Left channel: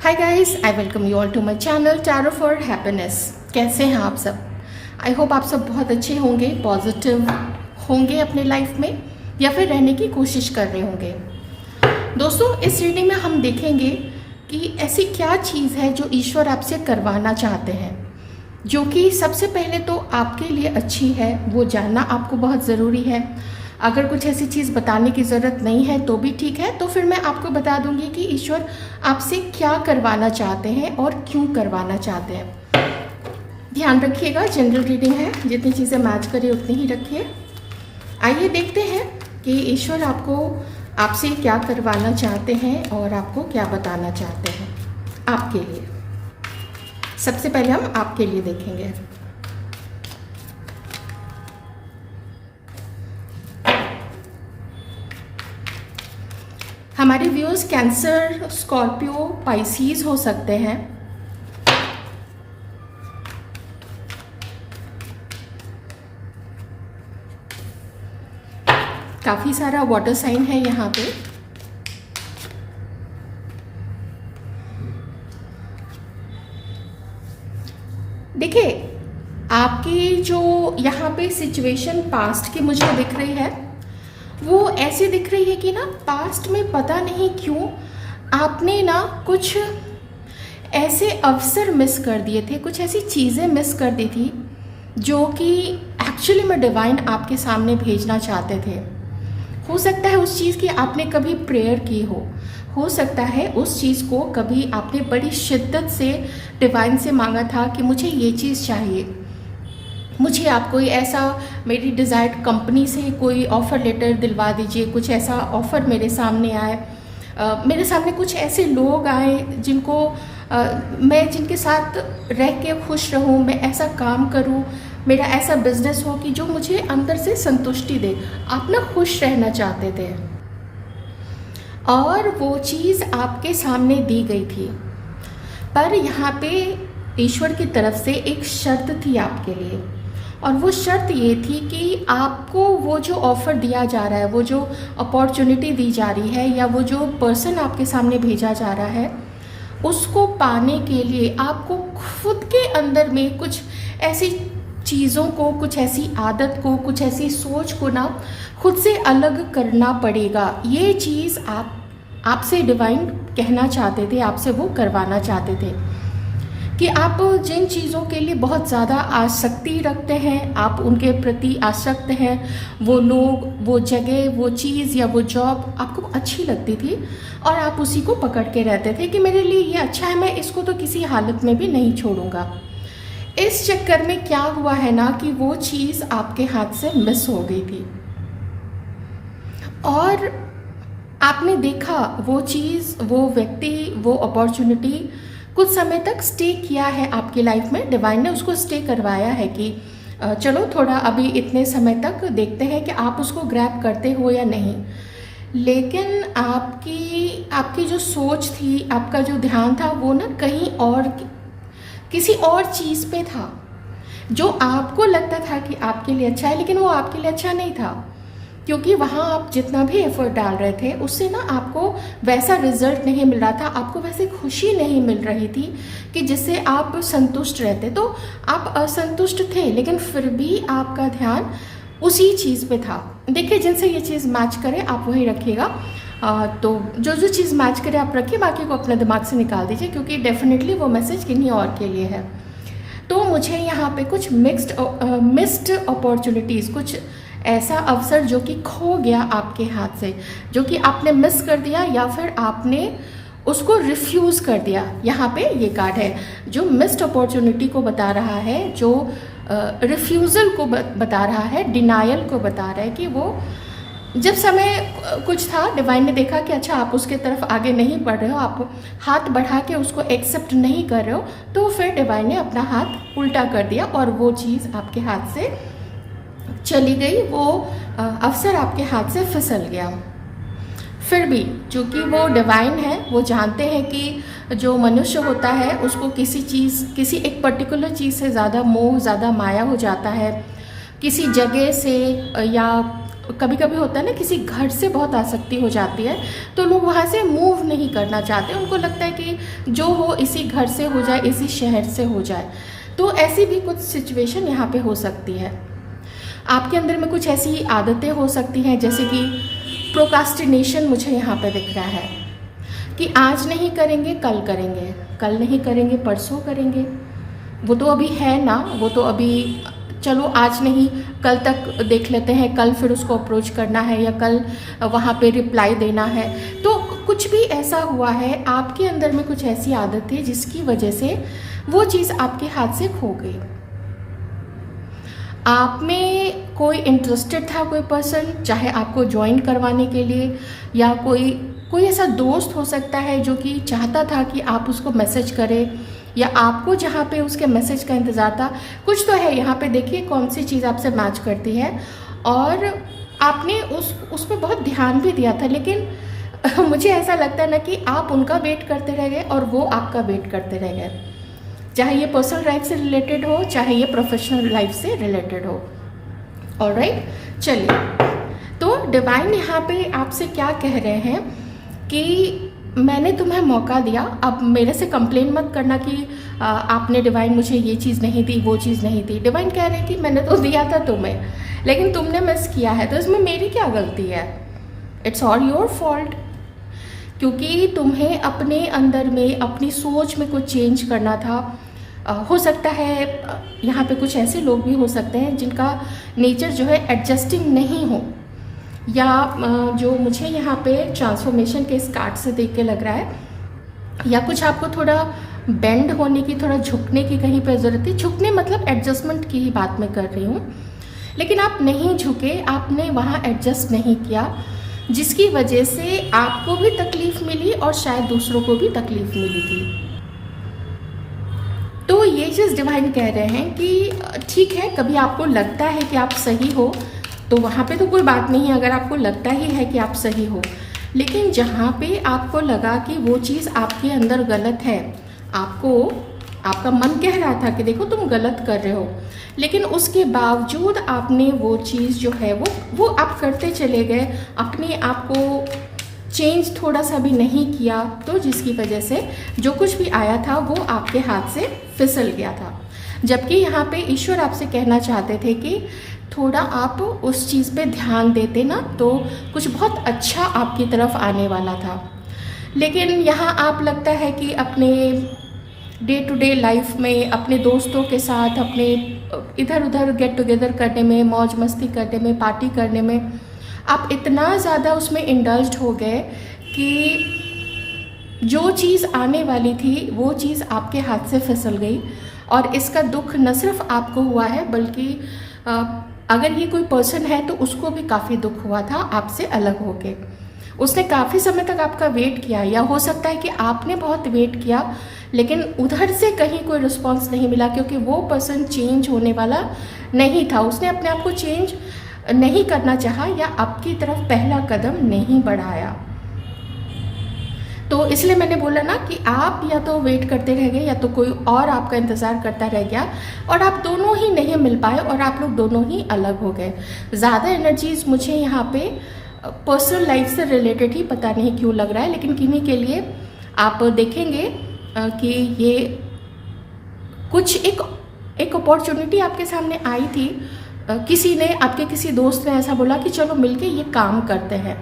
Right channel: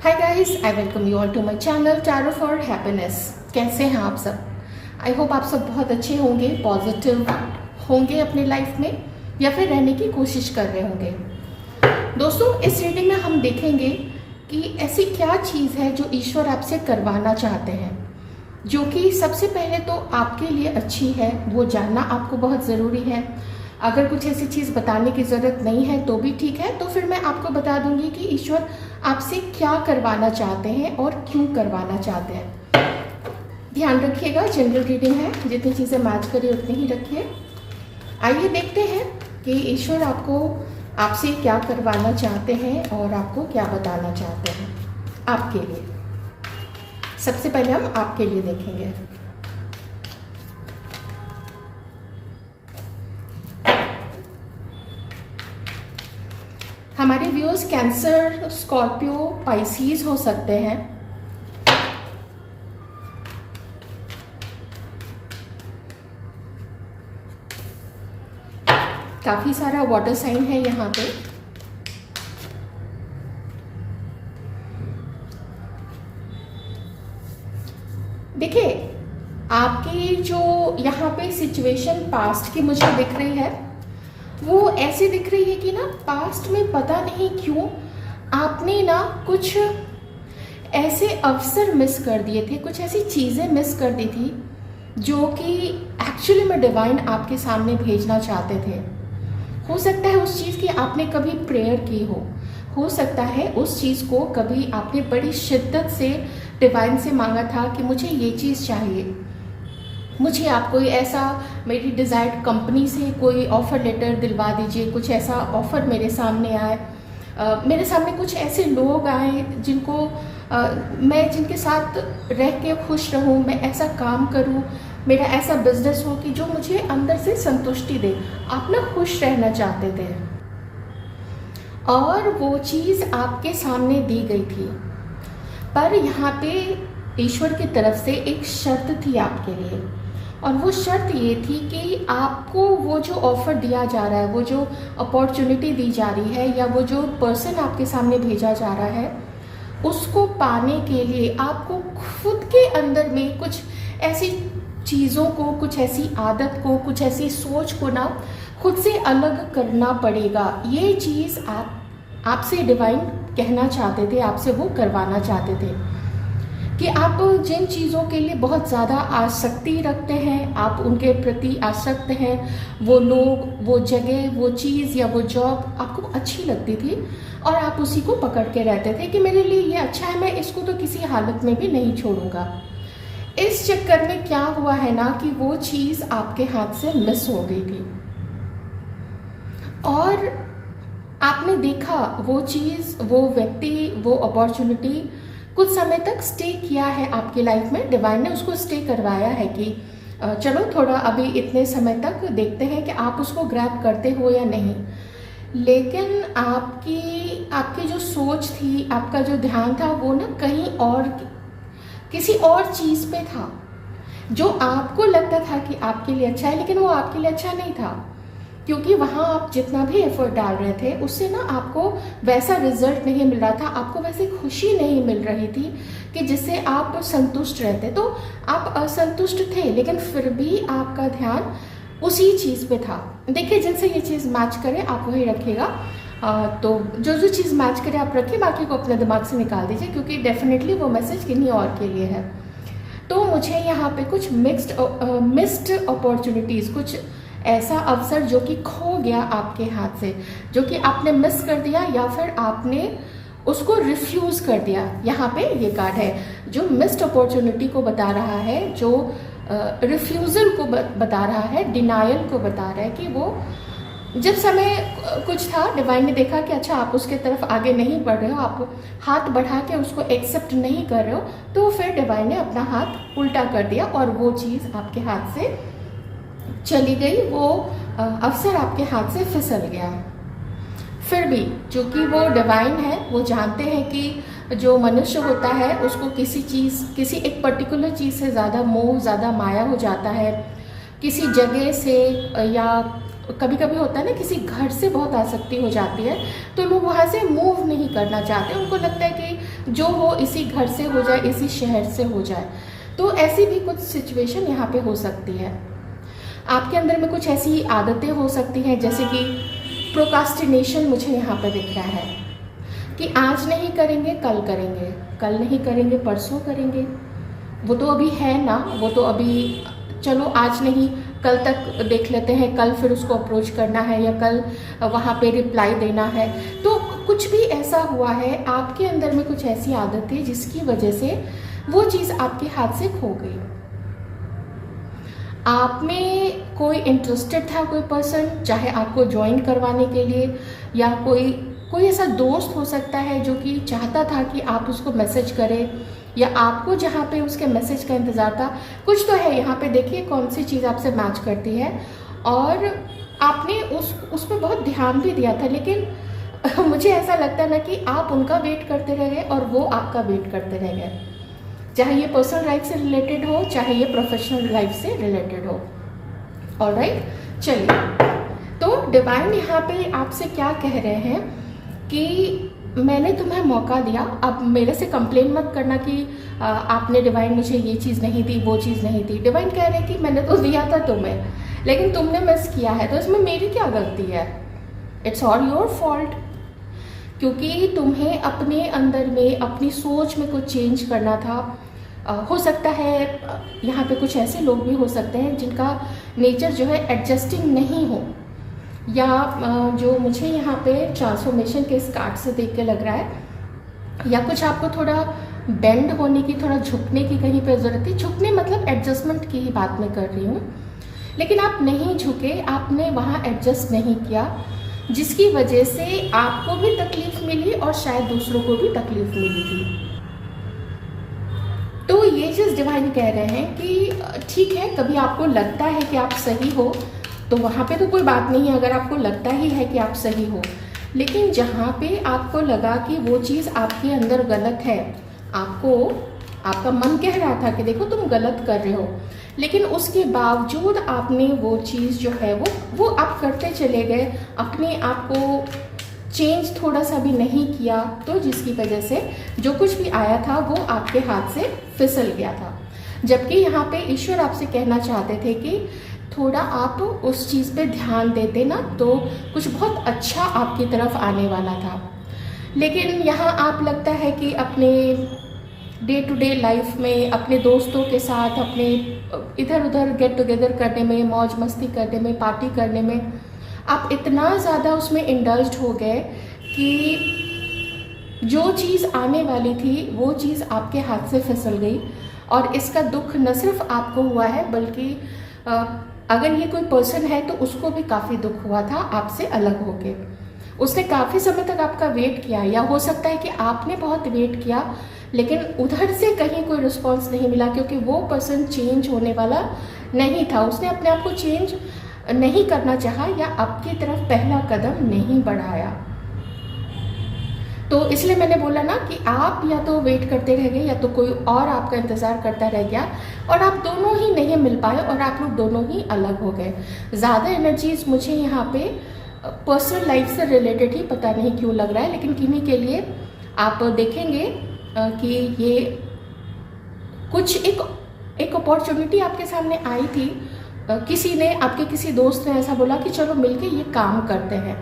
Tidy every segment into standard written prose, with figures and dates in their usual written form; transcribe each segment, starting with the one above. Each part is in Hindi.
Hi guys, I welcome you all to my channel tarot for happiness. कैसे हैं आप सब? आई होप आप सब बहुत अच्छे होंगे, पॉजिटिव होंगे अपने लाइफ में या फिर रहने की कोशिश कर रहे होंगे। दोस्तों, इस रीडिंग में हम देखेंगे कि ऐसी क्या चीज़ है जो ईश्वर आपसे करवाना चाहते हैं, जो कि सबसे पहले तो आपके लिए अच्छी है। वो जानना आपको बहुत ज़रूरी है। अगर कुछ ऐसी चीज़ बताने की ज़रूरत नहीं है तो भी ठीक है, तो फिर मैं आपको बता दूंगी कि ईश्वर आपसे क्या करवाना चाहते हैं और क्यों करवाना चाहते हैं। ध्यान रखिएगा, जनरल रीडिंग है, जितनी चीज़ें मैच करें उतनी ही रखिए। आइए देखते हैं कि ईश्वर आपसे क्या करवाना चाहते हैं और आपको क्या बताना चाहते हैं आपके लिए। सबसे पहले हम आपके लिए देखेंगे। हमारे व्यूअर्स कैंसर, स्कॉर्पियो, पाइसीज हो सकते हैं। काफी सारा वाटर साइन है यहाँ पे। देखिए, आपकी जो यहाँ पे सिचुएशन पास्ट की मुझे दिख रही है, वो ऐसे दिख रही है कि ना पास्ट में पता नहीं क्यों आपने ना कुछ ऐसे अवसर मिस कर दिए थे, कुछ ऐसी चीज़ें मिस कर दी थी जो कि एक्चुअली में डिवाइन आपके सामने भेजना चाहते थे। हो सकता है उस चीज़ की आपने कभी प्रेयर की हो सकता है उस चीज़ को कभी आपने बड़ी शिद्दत से डिवाइन से मांगा था कि मुझे ये चीज़ चाहिए, मुझे आप कोई ऐसा, मेरी डिज़ायर्ड कंपनी से कोई ऑफ़र लेटर दिलवा दीजिए, कुछ ऐसा ऑफ़र मेरे सामने आए, मेरे सामने कुछ ऐसे लोग आए जिनको मैं जिनके साथ रह के खुश रहूं, मैं ऐसा काम करूं, मेरा ऐसा बिजनेस हो कि जो मुझे अंदर से संतुष्टि दे। आप ना खुश रहना चाहते थे और वो चीज़ आपके सामने दी गई थी, पर यहाँ पे ईश्वर की तरफ से एक शर्त थी आपके लिए, और वो शर्त ये थी कि आपको वो जो ऑफ़र दिया जा रहा है, वो जो अपॉर्चुनिटी दी जा रही है, या वो जो पर्सन आपके सामने भेजा जा रहा है, उसको पाने के लिए आपको खुद के अंदर में कुछ ऐसी चीज़ों को, कुछ ऐसी आदत को, कुछ ऐसी सोच को ना खुद से अलग करना पड़ेगा। ये चीज़ आपसे डिवाइन कहना चाहते थे, आपसे वो करवाना चाहते थे कि आप जिन चीज़ों के लिए बहुत ज़्यादा आसक्ति रखते हैं, आप उनके प्रति आसक्त हैं, वो लोग, वो जगह, वो चीज़ या वो जॉब आपको अच्छी लगती थी और आप उसी को पकड़ के रहते थे कि मेरे लिए ये अच्छा है, मैं इसको तो किसी हालत में भी नहीं छोड़ूंगा। इस चक्कर में क्या हुआ है ना कि वो चीज़ आपके हाथ से मिस हो गई थी और आपने देखा वो चीज़, वो व्यक्ति, वो अपॉर्चुनिटी कुछ समय तक स्टे किया है आपकी लाइफ में। डिवाइन ने उसको स्टे करवाया है कि चलो थोड़ा अभी इतने समय तक देखते हैं कि आप उसको ग्रैब करते हो या नहीं। लेकिन आपकी जो सोच थी, आपका जो ध्यान था, वो ना कहीं और, किसी और चीज़ पे था जो आपको लगता था कि आपके लिए अच्छा है, लेकिन वो आपके लिए अच्छा नहीं था, क्योंकि वहाँ आप जितना भी एफर्ट डाल रहे थे उससे ना आपको वैसा रिजल्ट नहीं मिल रहा था, आपको वैसे खुशी नहीं मिल रही थी कि जिससे आप संतुष्ट रहते। तो आप असंतुष्ट थे, लेकिन फिर भी आपका ध्यान उसी चीज़ पे था। देखिए, जिनसे ये चीज़ मैच करे आप वही रखिएगा। तो जो चीज़ मैच करे आप रखिए, बाकी को अपने दिमाग से निकाल दीजिए, क्योंकि डेफिनेटली वो मैसेज किन्हीं और के लिए है। तो मुझे यहाँ पे कुछ मिस्ड अपॉर्चुनिटीज़, कुछ ऐसा अवसर जो कि खो गया आपके हाथ से, जो कि आपने मिस कर दिया या फिर आपने उसको रिफ्यूज़ कर दिया। यहाँ पे ये कार्ड है जो मिस्ड अपॉर्चुनिटी को बता रहा है, जो रिफ्यूज़ल को बता रहा है, डिनायल को बता रहा है कि वो जब समय कुछ था, डिवाइन ने देखा कि अच्छा आप उसके तरफ आगे नहीं बढ़ रहे हो, आप हाथ बढ़ा के उसको एक्सेप्ट नहीं कर रहे हो, तो फिर डिवाइन ने अपना हाथ उल्टा कर दिया और वो चीज़ आपके हाथ से चली गई, वो अवसर आपके हाथ से फिसल गया। फिर भी जो कि वो डिवाइन है, वो जानते हैं कि जो मनुष्य होता है उसको किसी एक पर्टिकुलर चीज़ से ज़्यादा मोह, ज़्यादा माया हो जाता है, किसी जगह से या कभी कभी होता है ना, किसी घर से बहुत आसक्ति हो जाती है तो लोग वहाँ से मूव नहीं करना चाहते, उनको लगता है कि जो हो इसी घर से हो जाए, इसी शहर से हो जाए। तो ऐसी भी कुछ सिचुएशन यहाँ पे हो सकती है। आपके अंदर में कुछ ऐसी आदतें हो सकती हैं, जैसे कि प्रोक्रास्टिनेशन मुझे यहाँ पे दिख रहा है कि आज नहीं करेंगे कल करेंगे, कल नहीं करेंगे परसों करेंगे। वो तो अभी है ना, वो तो अभी चलो आज नहीं कल तक देख लेते हैं, कल फिर उसको अप्रोच करना है या कल वहाँ पे रिप्लाई देना है। तो कुछ भी ऐसा हुआ है, आपके अंदर में कुछ ऐसी आदत है जिसकी वजह से वो चीज़ आपके हाथ से खो गई। आप में कोई इंटरेस्टेड था कोई पर्सन, चाहे आपको ज्वाइन करवाने के लिए, या कोई ऐसा दोस्त हो सकता है जो कि चाहता था कि आप उसको मैसेज करें, या आपको जहाँ पे उसके मैसेज का इंतज़ार था। कुछ तो है यहाँ पे, देखिए कौन सी चीज़ आपसे मैच करती है, और आपने उस पर बहुत ध्यान भी दिया था, लेकिन मुझे ऐसा लगता है ना कि आप उनका वेट करते रह गए और वो आपका वेट करते रह गए, चाहे ये पर्सनल लाइफ से रिलेटेड हो, चाहे ये प्रोफेशनल लाइफ से रिलेटेड हो। ऑलराइट, चलिए, तो डिवाइन यहाँ पे आपसे क्या कह रहे हैं कि मैंने तुम्हें मौका दिया, अब मेरे से कंप्लेन मत करना कि आपने डिवाइन मुझे ये चीज़ नहीं दी, वो चीज़ नहीं दी। डिवाइन कह रहे हैं कि मैंने तो दिया था तुम्हें, लेकिन तुमने मिस किया है, तो इसमें मेरी क्या गलती है? इट्स ऑल योर फॉल्ट, क्योंकि तुम्हें अपने अंदर में अपनी सोच में कुछ चेंज करना था। हो सकता है यहाँ पे कुछ ऐसे लोग भी हो सकते हैं जिनका नेचर जो है एडजस्टिंग नहीं हो, या जो मुझे यहाँ पे ट्रांसफॉर्मेशन के इस कार्ड से देख के लग रहा है, या कुछ आपको थोड़ा बेंड होने की, थोड़ा झुकने की कहीं पे ज़रूरत थी। झुकने मतलब एडजस्टमेंट की ही बात मैं कर रही हूँ, लेकिन आप नहीं झुके, आपने वहाँ एडजस्ट नहीं किया, जिसकी वजह से आपको भी तकलीफ मिली और शायद दूसरों को भी तकलीफ मिली थी। तो ये चीज़ डिवाइन कह रहे हैं कि ठीक है, कभी आपको लगता है कि आप सही हो तो वहाँ पे तो कोई बात नहीं है, अगर आपको लगता ही है कि आप सही हो, लेकिन जहाँ पे आपको लगा कि वो चीज़ आपके अंदर गलत है, आपका मन कह रहा था कि देखो तुम गलत कर रहे हो, लेकिन उसके बावजूद आपने वो चीज़ जो है वो आप करते चले गए, अपने आप को चेंज थोड़ा सा भी नहीं किया, तो जिसकी वजह से जो कुछ भी आया था वो आपके हाथ से फिसल गया था। जबकि यहाँ पे ईश्वर आपसे कहना चाहते थे कि थोड़ा आप उस चीज़ पे ध्यान देते ना, तो कुछ बहुत अच्छा आपकी तरफ आने वाला था। लेकिन यहाँ आप लगता है कि अपने डे टू डे लाइफ में अपने दोस्तों के साथ, अपने इधर उधर गेट टुगेदर करने में, मौज मस्ती करने में, पार्टी करने में आप इतना ज़्यादा उसमें इंडल्ज्ड हो गए कि जो चीज़ आने वाली थी वो चीज़ आपके हाथ से फिसल गई। और इसका दुख न सिर्फ आपको हुआ है, बल्कि अगर ये कोई पर्सन है तो उसको भी काफ़ी दुख हुआ था आपसे अलग होके। उसने काफ़ी समय तक आपका वेट किया, या हो सकता है कि आपने बहुत वेट किया, लेकिन उधर से कहीं कोई रिस्पॉन्स नहीं मिला, क्योंकि वो पर्सन चेंज होने वाला नहीं था। उसने अपने आप को चेंज नहीं करना चाहा, या आपकी तरफ पहला कदम नहीं बढ़ाया। तो इसलिए मैंने बोला ना कि आप या तो वेट करते रह गए, या तो कोई और आपका इंतज़ार करता रह गया, और आप दोनों ही नहीं मिल पाए, और आप लोग दोनों ही अलग हो गए। ज़्यादा एनर्जीज मुझे यहाँ पे पर्सनल लाइफ से रिलेटेड ही पता नहीं क्यों लग रहा है, लेकिन किन्हीं के लिए आप देखेंगे कि ये कुछ एक अपॉर्चुनिटी आपके सामने आई थी। किसी ने, आपके किसी दोस्त ने ऐसा बोला कि चलो मिलके ये काम करते हैं,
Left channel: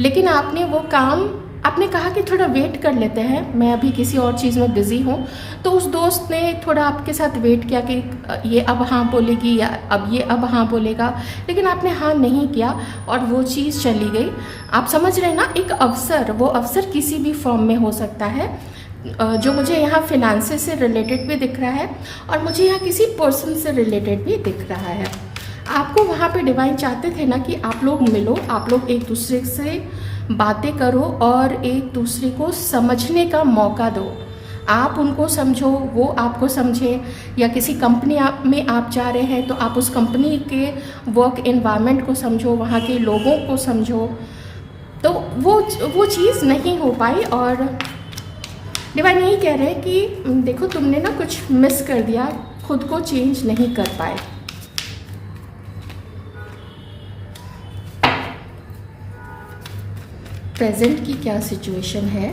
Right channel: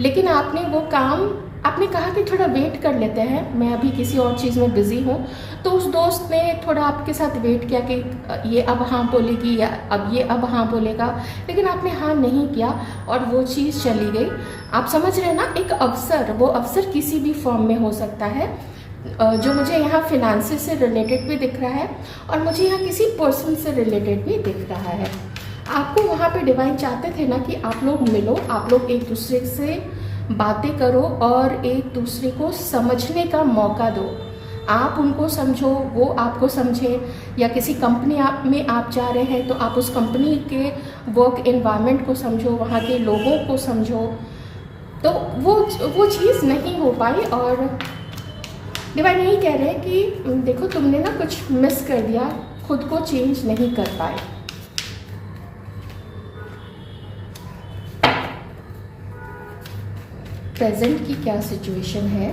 लेकिन आपने वो काम, आपने कहा कि थोड़ा वेट कर लेते हैं, मैं अभी किसी और चीज़ में बिज़ी हूँ। तो उस दोस्त ने थोड़ा आपके साथ वेट किया कि ये अब हाँ बोलेगी या अब ये अब हाँ बोलेगा, लेकिन आपने हाँ नहीं किया और वो चीज़ चली गई। आप समझ रहे हैं ना, एक अवसर, वो अवसर किसी भी फॉर्म में हो सकता है, जो मुझे यहाँ फिनांसेस से रिलेटेड भी दिख रहा है, और मुझे यहाँ किसी पर्सन से रिलेटेड भी दिख रहा है। आपको वहाँ पे डिवाइन चाहते थे ना कि आप लोग मिलो, आप लोग एक दूसरे से बातें करो और एक दूसरे को समझने का मौका दो। आप उनको समझो, वो आपको समझे, या किसी कंपनी में आप जा रहे हैं तो आप उस कंपनी के वर्क एनवायरनमेंट को समझो, वहाँ के लोगों को समझो। तो वो चीज़ नहीं हो पाई, और डिवाइन यही कह रहे हैं कि देखो तुमने ना कुछ मिस कर दिया, खुद को चेंज नहीं कर पाए। प्रेजेंट की क्या सिचुएशन है,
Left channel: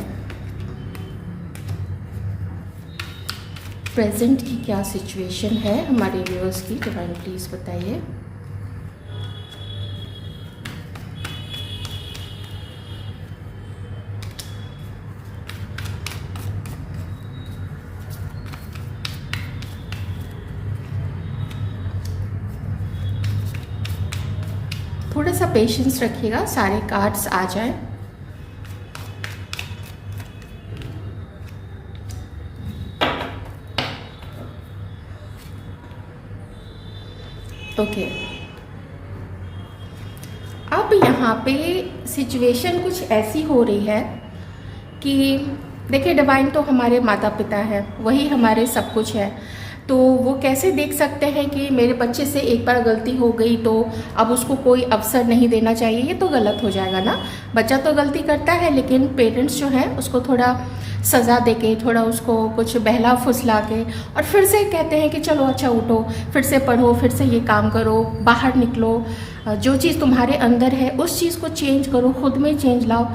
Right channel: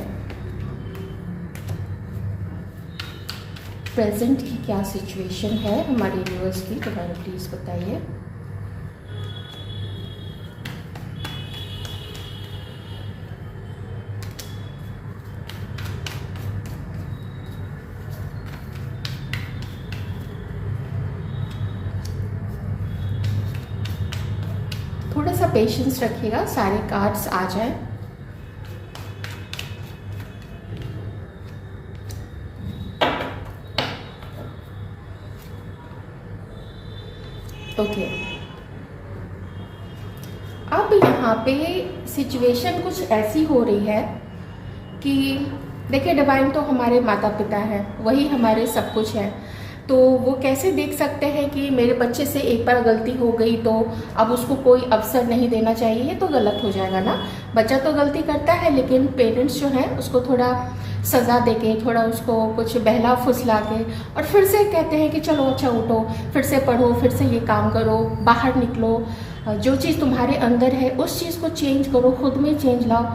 प्रेजेंट की क्या सिचुएशन है हमारे व्यूअर्स की, डिवाइन प्लीज बताइए। थोड़ा सा पेशेंस रखिएगा, सारे कार्ड्स आ जाएं। ओके, अब यहाँ पे सिचुएशन कुछ ऐसी हो रही है कि देखिए, डिवाइन तो हमारे माता पिता हैं, वही हमारे सब कुछ है। तो वो कैसे देख सकते हैं कि मेरे बच्चे से एक बार गलती हो गई तो अब उसको कोई अवसर नहीं देना चाहिए, ये तो गलत हो जाएगा ना। बच्चा तो गलती करता है, लेकिन पेरेंट्स जो है उसको थोड़ा सज़ा देके, थोड़ा उसको कुछ बहला फुसला के और फिर से कहते हैं कि चलो अच्छा उठो, फिर से पढ़ो, फिर से ये काम करो, बाहर निकलो, जो चीज़ तुम्हारे अंदर है उस चीज़ को चेंज करो, खुद में चेंज लाओ।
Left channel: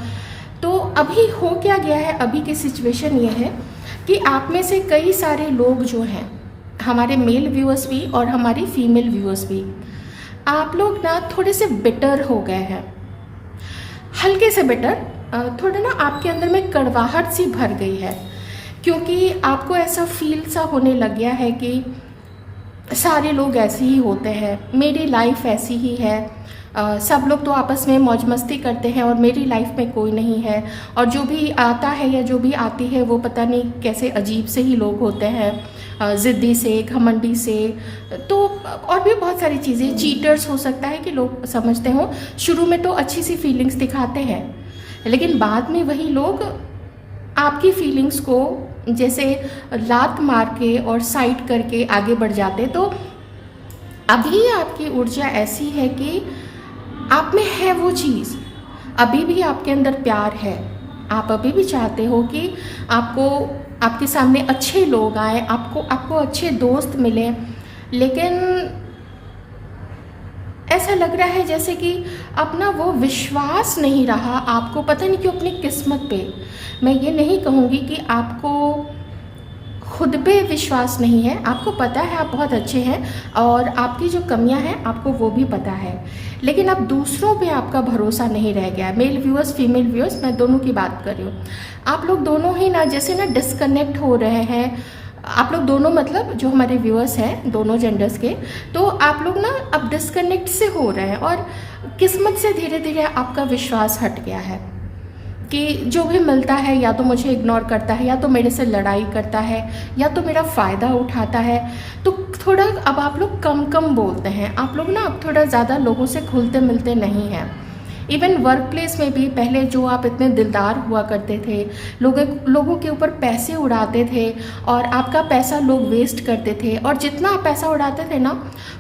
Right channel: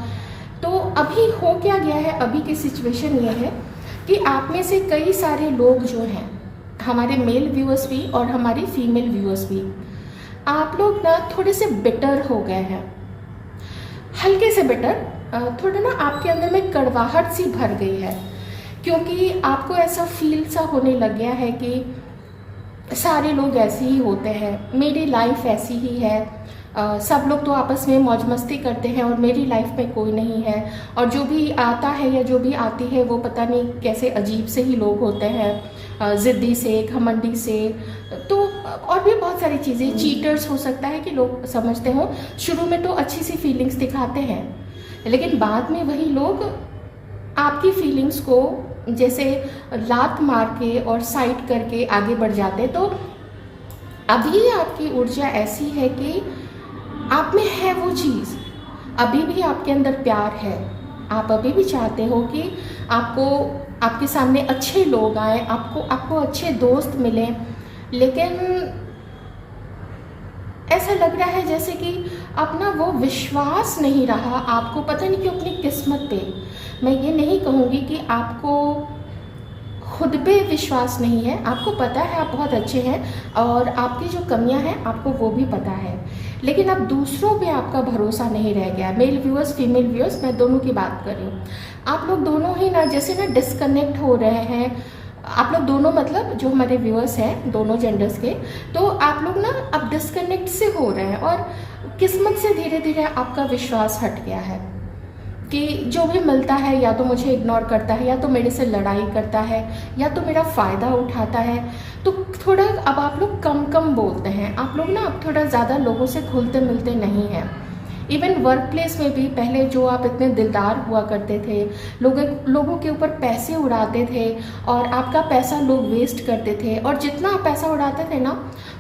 तो अभी हो क्या गया है, अभी की सिचुएशन ये है कि आप में से कई सारे लोग जो हैं, हमारे मेल व्यूअर्स भी और हमारी फीमेल व्यूअर्स भी, आप लोग ना थोड़े से बिटर हो गए हैं, हल्के से बिटर, थोड़ा ना आपके अंदर में कड़वाहट सी भर गई है, क्योंकि आपको ऐसा फील सा होने लग गया है कि सारे लोग ऐसे ही होते हैं, मेरी लाइफ ऐसी ही है, सब लोग तो आपस में मौज मस्ती करते हैं और मेरी लाइफ में कोई नहीं है, और जो भी आता है या जो भी आती है वो पता नहीं कैसे अजीब से ही लोग होते हैं, ज़िद्दी से, घमंडी से, तो और भी बहुत सारी चीज़ें, चीटर्स हो सकता है कि लोग समझते हो। शुरू में तो अच्छी सी फीलिंग्स दिखाते हैं, लेकिन बाद में वही लोग आपकी फीलिंग्स को जैसे लात मार के और साइड करके आगे बढ़ जाते। तो अभी आपकी ऊर्जा ऐसी है कि आप में है वो चीज़, अभी भी आपके अंदर प्यार है, आप अभी भी चाहते हो कि आपके सामने अच्छे लोग आए, आपको अच्छे दोस्त मिले, लेकिन ऐसा लग रहा है जैसे कि अपना वो विश्वास नहीं रहा आपको, पता नहीं क्यों, अपनी किस्मत पे। मैं ये नहीं कहूँगी कि आपको खुद पे विश्वास नहीं है, आपको पता है आप बहुत अच्छे हैं और आपकी जो कमियां हैं आपको वो भी पता है, लेकिन अब दूसरों पे आपका भरोसा नहीं रह गया। मेल व्यूअर्स, फीमेल व्यूअर्स, मैं दोनों की बात कर रही हूँ। आप लोग दोनों ही ना जैसे ना डिस्कनेक्ट हो रहे हैं, आप लोग दोनों, मतलब जो हमारे व्यूअर्स हैं दोनों जेंडर्स के, तो आप लोग ना अब डिस्कनेक्ट से हो रहे हैं और किस्मत से धीरे धीरे आपका विश्वास हट गया है कि जो भी मिलता है या तो मुझे इग्नोर करता है, या तो मेरे से लड़ाई करता है, या तो मेरा फ़ायदा उठाता है। तो थोड़ा अब आप लोग कम कम बोलते हैं, आप लोग ना अब थोड़ा ज़्यादा लोगों से घुलते मिलते नहीं हैं। इवन वर्क प्लेस में भी पहले जो आप इतने दिलदार हुआ करते थे, लोगों के ऊपर पैसे उड़ाते थे और आपका पैसा लोग वेस्ट करते थे, और जितना आप पैसा उड़ाते थे ना,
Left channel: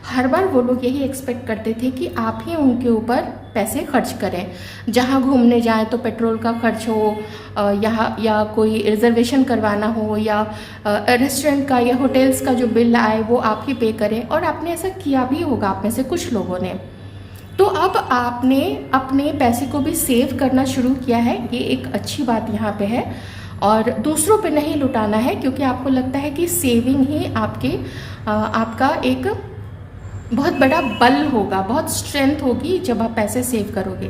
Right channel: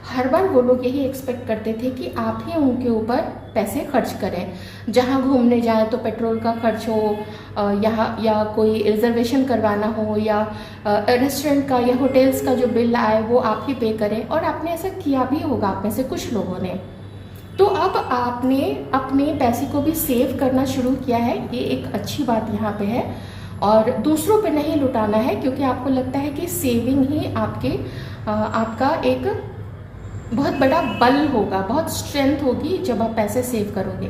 हर बार वो लोग यही एक्सपेक्ट करते थे कि आप ही उनके ऊपर पैसे खर्च करें। जहाँ घूमने जाएं तो पेट्रोल का खर्च हो, या कोई रिजर्वेशन करवाना हो, या रेस्टोरेंट का या होटल्स का जो बिल आए वो आप ही पे करें, और आपने ऐसा किया भी होगा आप में से कुछ लोगों ने। तो अब आपने अपने पैसे को भी सेव करना शुरू किया है, ये एक अच्छी बात यहाँ पे है, और दूसरों पे नहीं लुटाना है, क्योंकि आपको लगता है कि सेविंग ही आपका एक बहुत बड़ा बल होगा, बहुत स्ट्रेंथ होगी जब आप पैसे सेव करोगे।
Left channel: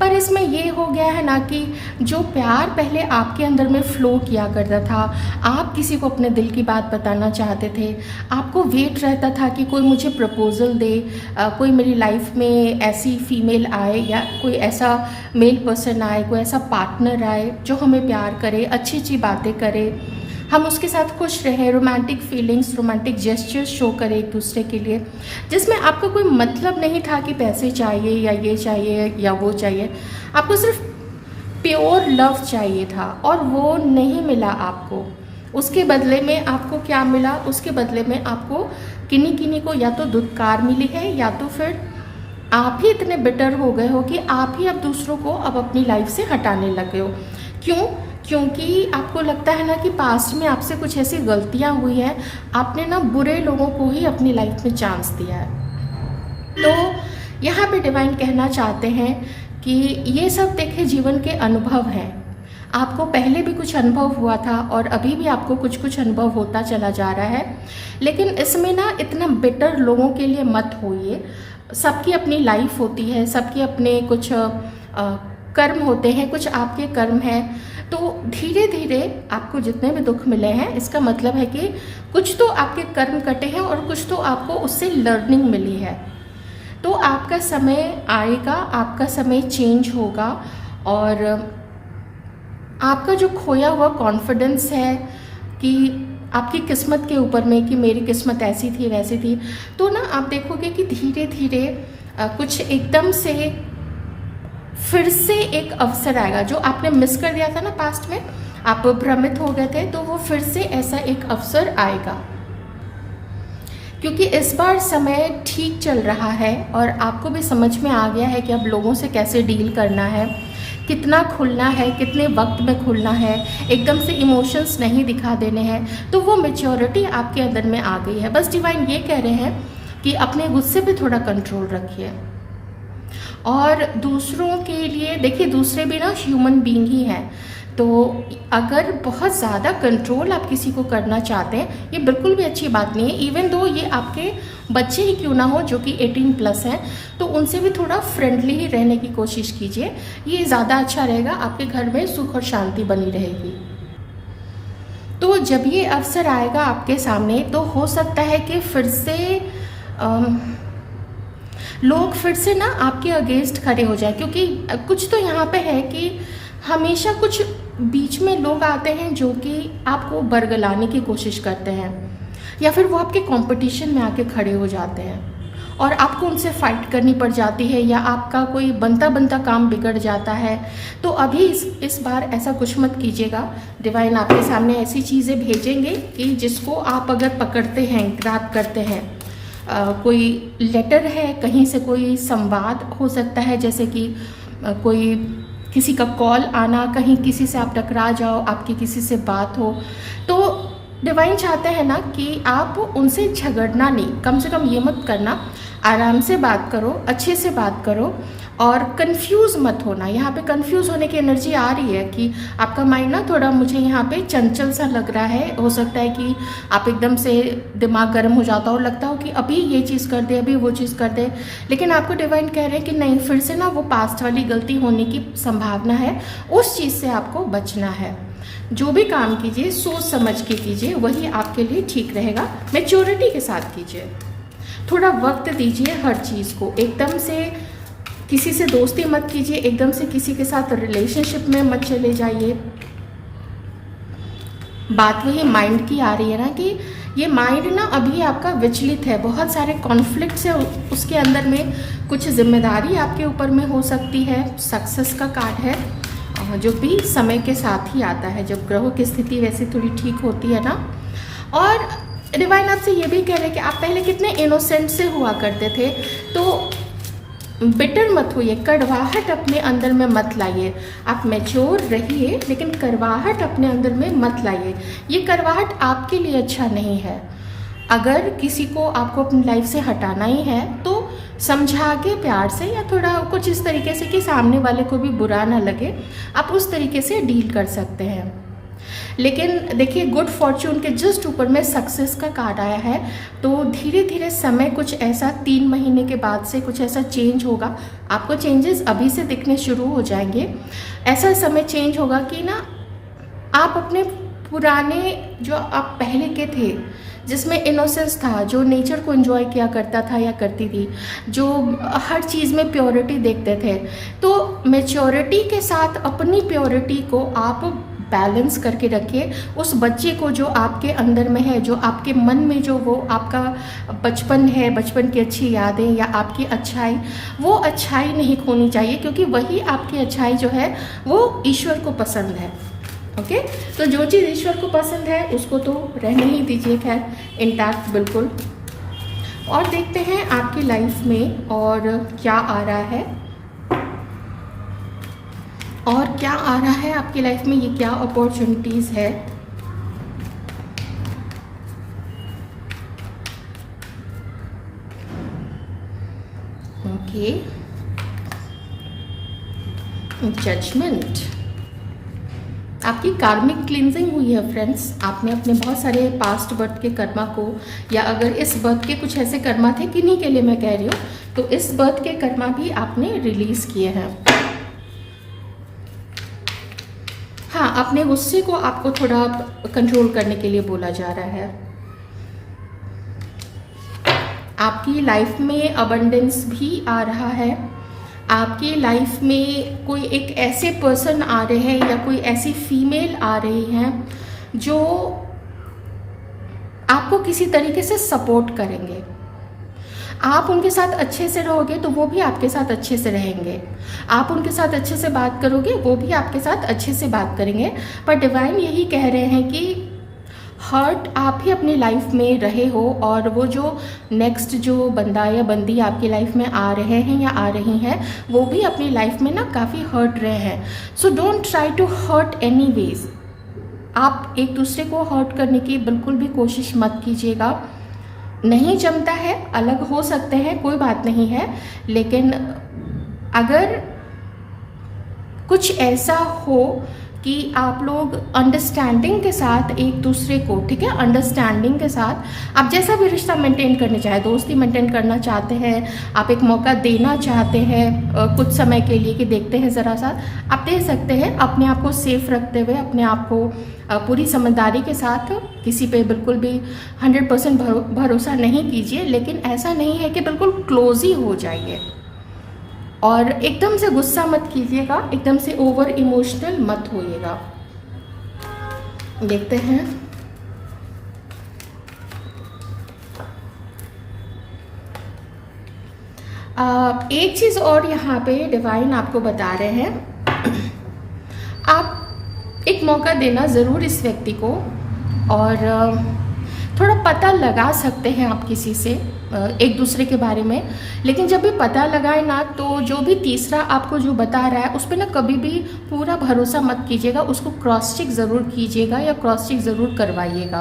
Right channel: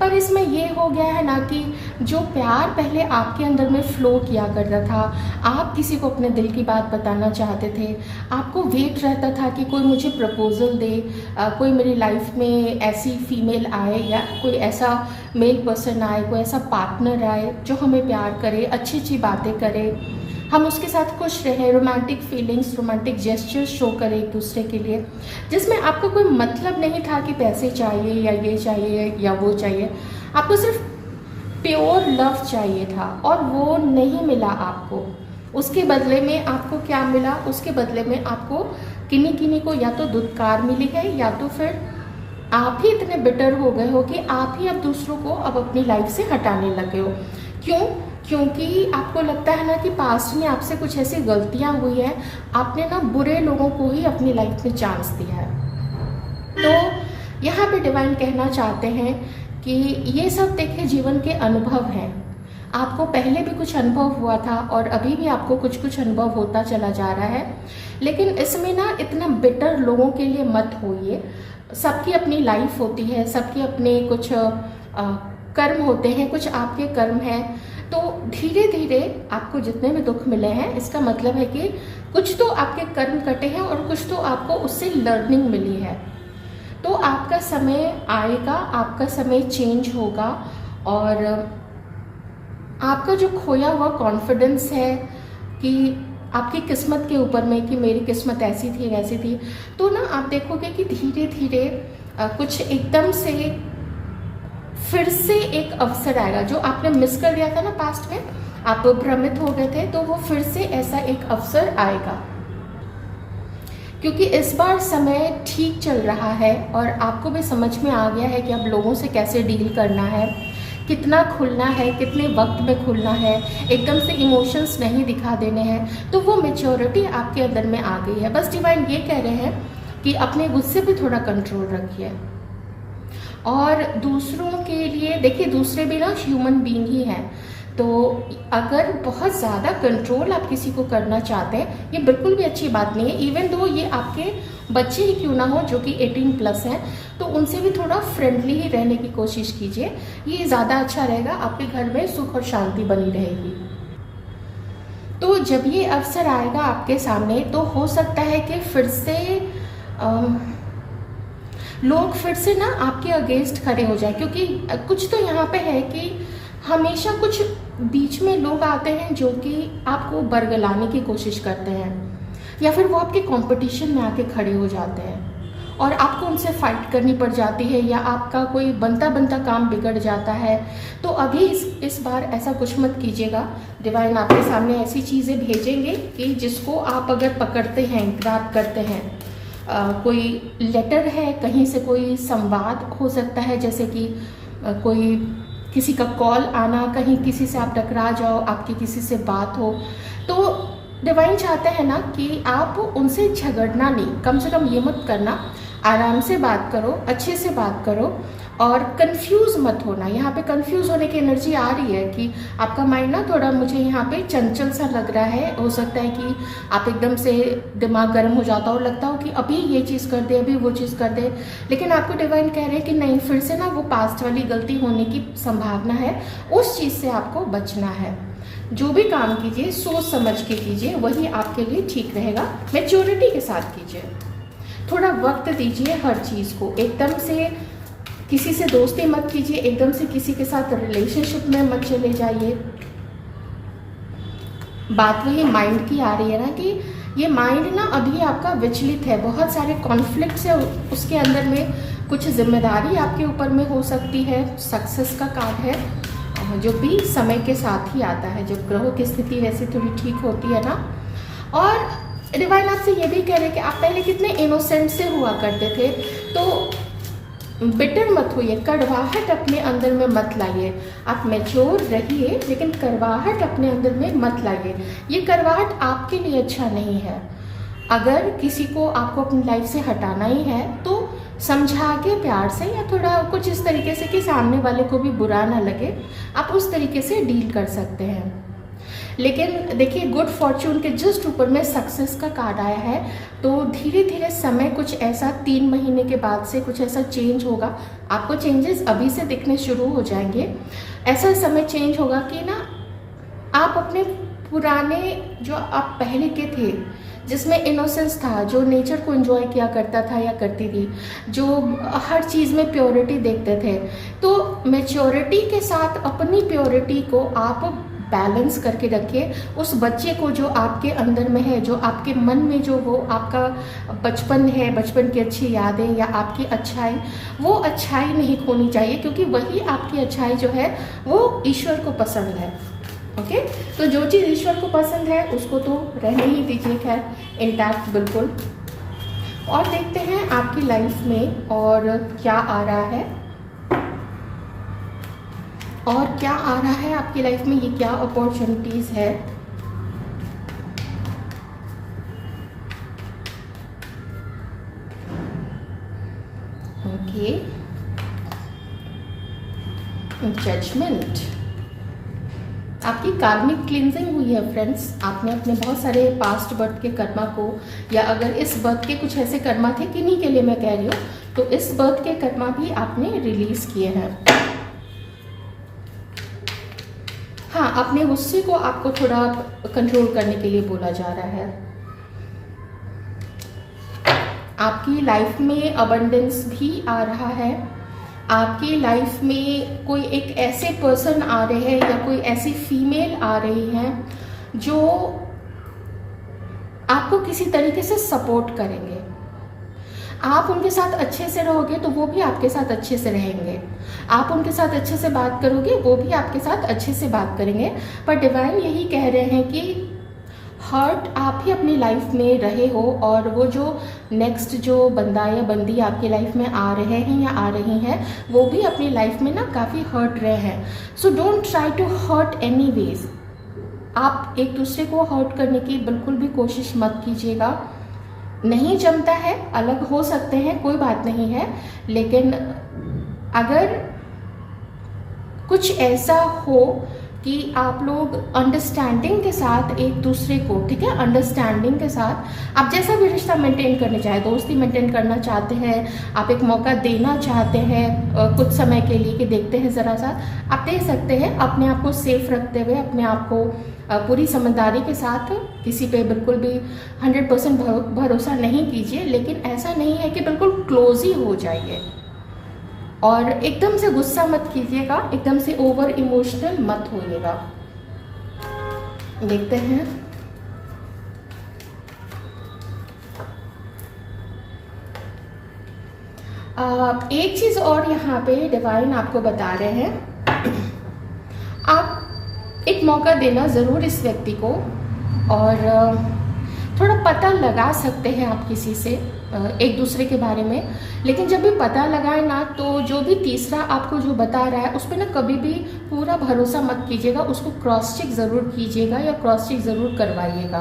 पर इसमें ये हो गया है ना कि जो प्यार पहले आपके अंदर में फ्लो किया करता था, आप किसी को अपने दिल की बात बताना चाहते थे, आपको वेट रहता था कि कोई मुझे प्रपोजल दे, कोई मेरी लाइफ में ऐसी फीमेल आए या कोई ऐसा मेल पर्सन आए, कोई ऐसा पार्टनर आए जो हमें प्यार करे, अच्छी अच्छी बातें करे, हम उसके साथ खुश रहें, romantic feelings, romantic gestures show करें एक दूसरे के लिए, जिसमें आपको कोई मतलब नहीं था कि पैसे चाहिए या ये चाहिए या वो चाहिए। आपको सिर्फ प्योर लव चाहिए था, और वो नहीं मिला आपको। उसके बदले में आपको क्या मिला? उसके बदले में आपको किन्हीं किन्हीं को या तो दुत्कार मिली है, या तो फिर आप ही इतने बिटर हो गए हो कि आप ही अब दूसरों को अब अपनी लाइफ से हटाने लगे हो। क्यों? क्योंकि आपको लगता है ना कि पास्ट में आपसे कुछ ऐसी गलतियां हुई है, आपने ना बुरे लोगों को ही अपनी लाइफ में चांस दिया है। तो यहाँ पे डिवाइन कहना चाहते हैं कि ये सब देखिए जीवन के अनुभव हैं। आपको पहले भी कुछ अनुभव हुआ था और अभी भी आपको कुछ कुछ अनुभव होता चला जा रहा है, लेकिन इसमें ना इतना बिटर लोगों के लिए मत होइए। सबकी अपनी लाइफ होती है, सबके अपने कुछ कर्म होते हैं, कुछ आपके कर्म हैं। तो धीरे धीरे आपको जितने भी दुख मिले हैं, इसका मतलब है कि कुछ तो आपके कर्म कटे हैं और कुछ तो आपको उससे लर्निंग मिली है। तो आपका समय आएगा, आपका समय चेंज होगा और आपका जो खोया हुआ कॉन्फिडेंस है कि आपकी किस्मत के ऊपर में कि मेरी किस्मत ऐसी थी वैसी थी, तो ना आप देखोगे कि धीरे धीरे कुछ एकदम से फिर से एक अवसर आएगा। जो आपने मिस कर दिया था ना पास्ट में, आप भ्रमित हो गए थे, तो वो फिर से ऐसा एक अवसर आएगा, क्योंकि इस बार समय ठीक चल रहा है और आपको भी समझ में आ गया है कि अब लोगों से कैसे डील करना है, कितना खुलना है, कितने वक्त में खुलना है, एकदम से इमोशंस नहीं दिखा देने हैं। तो वो मैच्योरिटी आपके अंदर में आ गई है। बस डिवाइन ये कह रहे हैं कि अपने गुस्से पे थोड़ा कंट्रोल रखिए। और दूसरों के लिए देखिए, दूसरे भी ना ह्यूमन बीइंग ही हैं, तो अगर बहुत ज़्यादा कंट्रोल आप किसी को करना चाहते हैं, ये बिल्कुल भी अच्छी बात नहीं है। इवन दो ये आपके बच्चे ही क्यों ना हो जो कि 18+ हैं, तो उनसे भी थोड़ा फ्रेंडली ही रहने की कोशिश कीजिए। ये ज़्यादा अच्छा रहेगा, आपके घर में सुख और शांति बनी रहेगी। तो जब ये अवसर आएगा आपके सामने, तो हो सकता है कि फिर से लोग फिर से ना आपके अगेंस्ट खड़े हो जाए, क्योंकि कुछ तो यहाँ पे है कि हमेशा कुछ बीच में लोग आते हैं जो कि आपको बरगलाने की कोशिश करते हैं, या फिर वो आपके कंपटीशन में आके खड़े हो जाते हैं और आपको उनसे फाइट करनी पड़ जाती है, या आपका कोई बनता बनता काम बिगड़ जाता है। तो अभी इस बार ऐसा कुछ मत कीजिएगा। डिवाइन आपके सामने ऐसी चीज़ें भेजेंगे कि जिसको आप अगर पकड़ते हैं, ग्रैब करते हैं, कोई लेटर है, कहीं से कोई संवाद हो सकता है, जैसे कि कोई किसी का कॉल आना, कहीं किसी से आप टकरा जाओ, आपकी किसी से बात हो, तो डिवाइन चाहते हैं ना कि आप उनसे झगड़ना नहीं, कम से कम ये मत करना, आराम से बात करो, अच्छे से बात करो और कंफ्यूज मत होना। यहाँ पे कंफ्यूज होने की एनर्जी आ रही है कि आपका माइंड ना थोड़ा, मुझे यहाँ पे चंचल सा लग रहा है। हो सकता है कि आप एकदम से दिमाग गर्म हो जाता हो, लगता हो कि अभी ये चीज़ कर दे, अभी वो चीज़ कर दे, लेकिन आपको डिवाइन कह रहे हैं कि नहीं, फिर से ना वो पास्ट वाली गलती होने की संभावना है, उस चीज़ से आपको बचना है। जो भी काम कीजिए सोच समझ के कीजिए, वही आपके लिए ठीक रहेगा। मैच्योरिटी के साथ कीजिए, थोड़ा वक्त दीजिए हर चीज़ को। एकदम से किसी से दोस्ती मत कीजिए, एकदम से किसी के साथ रिलेशनशिप में मत चले जाइए। बात वही माइंड की आ रही है ना कि ये माइंड ना अभी आपका विचलित है, बहुत सारे कॉन्फ्लिक्ट्स है उसके अंदर में, कुछ जिम्मेदारी आपके ऊपर में हो सकती है। सक्सेस का कार्ड है, जो भी समय के साथ ही आता है, जब ग्रहों की स्थिति वैसे थोड़ी ठीक होती है ना। और डिवाइन आपसे ये भी कह रहे हैं कि आप पहले कितने इनोसेंट से हुआ करते थे, तो बिटर मत होइए, कड़वाहट अपने अंदर में मत लाइए। आप मैच्योर रहिए, लेकिन कड़वाहट अपने अंदर में मत लाइए। ये कड़वाहट आपके लिए अच्छा नहीं है। अगर किसी को आपको अपनी लाइफ से हटाना ही है, तो समझा के प्यार से, या थोड़ा कुछ इस तरीके से कि सामने वाले को भी बुरा ना लगे, आप उस तरीके से डील कर सकते हैं। लेकिन देखिए, गुड फॉर्च्यून के जस्ट ऊपर में सक्सेस का कार्ड आया है, तो धीरे धीरे समय कुछ ऐसा 3 महीने के बाद से कुछ ऐसा चेंज होगा। आपको चेंजेस अभी से दिखने शुरू हो जाएंगे। ऐसा समय चेंज होगा कि ना आप अपने पुराने जो आप पहले के थे, जिसमें इनोसेंस था, जो नेचर को एंजॉय किया करता था या करती थी, जो हर चीज़ में प्योरिटी देखते थे, तो मैच्योरिटी के साथ अपनी प्योरिटी को आप बैलेंस करके रखिए। उस बच्चे को जो आपके अंदर में है, जो आपके मन में, जो वो आपका बचपन है, बचपन की अच्छी यादें या आपकी अच्छाई, वो अच्छाई नहीं खोनी चाहिए, क्योंकि वही आपकी अच्छाई जो है वो ईश्वर को पसंद है। ओके, तो जो चीज़ ईश्वर को पसंद है उसको तो रहने ही दीजिए, खैर इंटैक्ट बिल्कुल। और देखते हैं आपकी लाइफ में और क्या आ रहा है, और क्या आ रहा है आपकी लाइफ में, ये क्या अपॉर्चुनिटीज़ है। Okay, judgement. आपकी कार्मिक क्लींजिंग हुई है फ्रेंड्स। आपने अपने बहुत सारे पास्ट बर्थ के कर्मा को, या अगर इस बर्थ के कुछ ऐसे कर्मा थे, किन्हीं के लिए मैं कह रही हूँ, तो इस बर्थ के कर्मा भी आपने रिलीज किए हैं। हाँ, अपने गुस्से को आपको थोड़ा कंट्रोल करने के लिए बोला जा रहा है। आपकी लाइफ में अबंडेंस भी आ रहा है। आपकी लाइफ में कोई एक ऐसे पर्सन आ रहे हैं या कोई ऐसी फीमेल आ रही है जो आपको किसी तरीके से सपोर्ट करेंगे। आप उनके साथ अच्छे से रहोगे तो वो भी आपके साथ अच्छे से रहेंगे। आप उनके साथ अच्छे से बात करोगे, वो भी आपके साथ अच्छे से बात करेंगे। पर डिवाइन यही कह रहे हैं कि हर्ट आप ही अपनी लाइफ में रहे हो, और वो जो नेक्स्ट जो बंदा या बंदी आपकी लाइफ में आ रहे हैं या आ रही हैं, वो भी अपनी लाइफ में ना काफ़ी हर्ट रहे हैं। So don't try to hurt any ways. आप एक दूसरे को हर्ट करने की बिल्कुल भी कोशिश मत कीजिएगा। नहीं जमता है, अलग हो सकते हैं, कोई बात नहीं है, लेकिन अगर कुछ ऐसा हो कि आप लोग अंडरस्टैंडिंग के साथ एक दूसरे को, ठीक है, अंडरस्टैंडिंग के साथ आप जैसा भी रिश्ता मेंटेन करना चाहे, दोस्ती मेंटेन करना चाहते हैं, आप एक मौका देना चाहते हैं कुछ समय के लिए कि देखते हैं ज़रा सा, आप दे सकते हैं। अपने आप को सेफ रखते हुए, अपने आप को पूरी समझदारी के साथ, किसी पे बिल्कुल भी 100% भरोसा नहीं कीजिए, लेकिन ऐसा नहीं है कि बिल्कुल क्लोज ही हो जाइए। और एकदम से गुस्सा मत कीजिएगा, एकदम से ओवर इमोशनल मत होइएगा। देखते हैं। एक चीज और यहाँ पे डिवाइन आपको बता रहे हैं, आप एक मौका देना जरूर इस व्यक्ति को, और थोड़ा पता लगा सकते हैं आप किसी से एक दूसरे के बारे में। लेकिन जब भी पता लगाए ना, तो जो भी तीसरा आपको जो बता रहा है उस पर ना कभी भी पूरा भरोसा मत कीजिएगा। उसको क्रॉस चेक ज़रूर कीजिएगा या क्रॉस चेक ज़रूर करवाइएगा,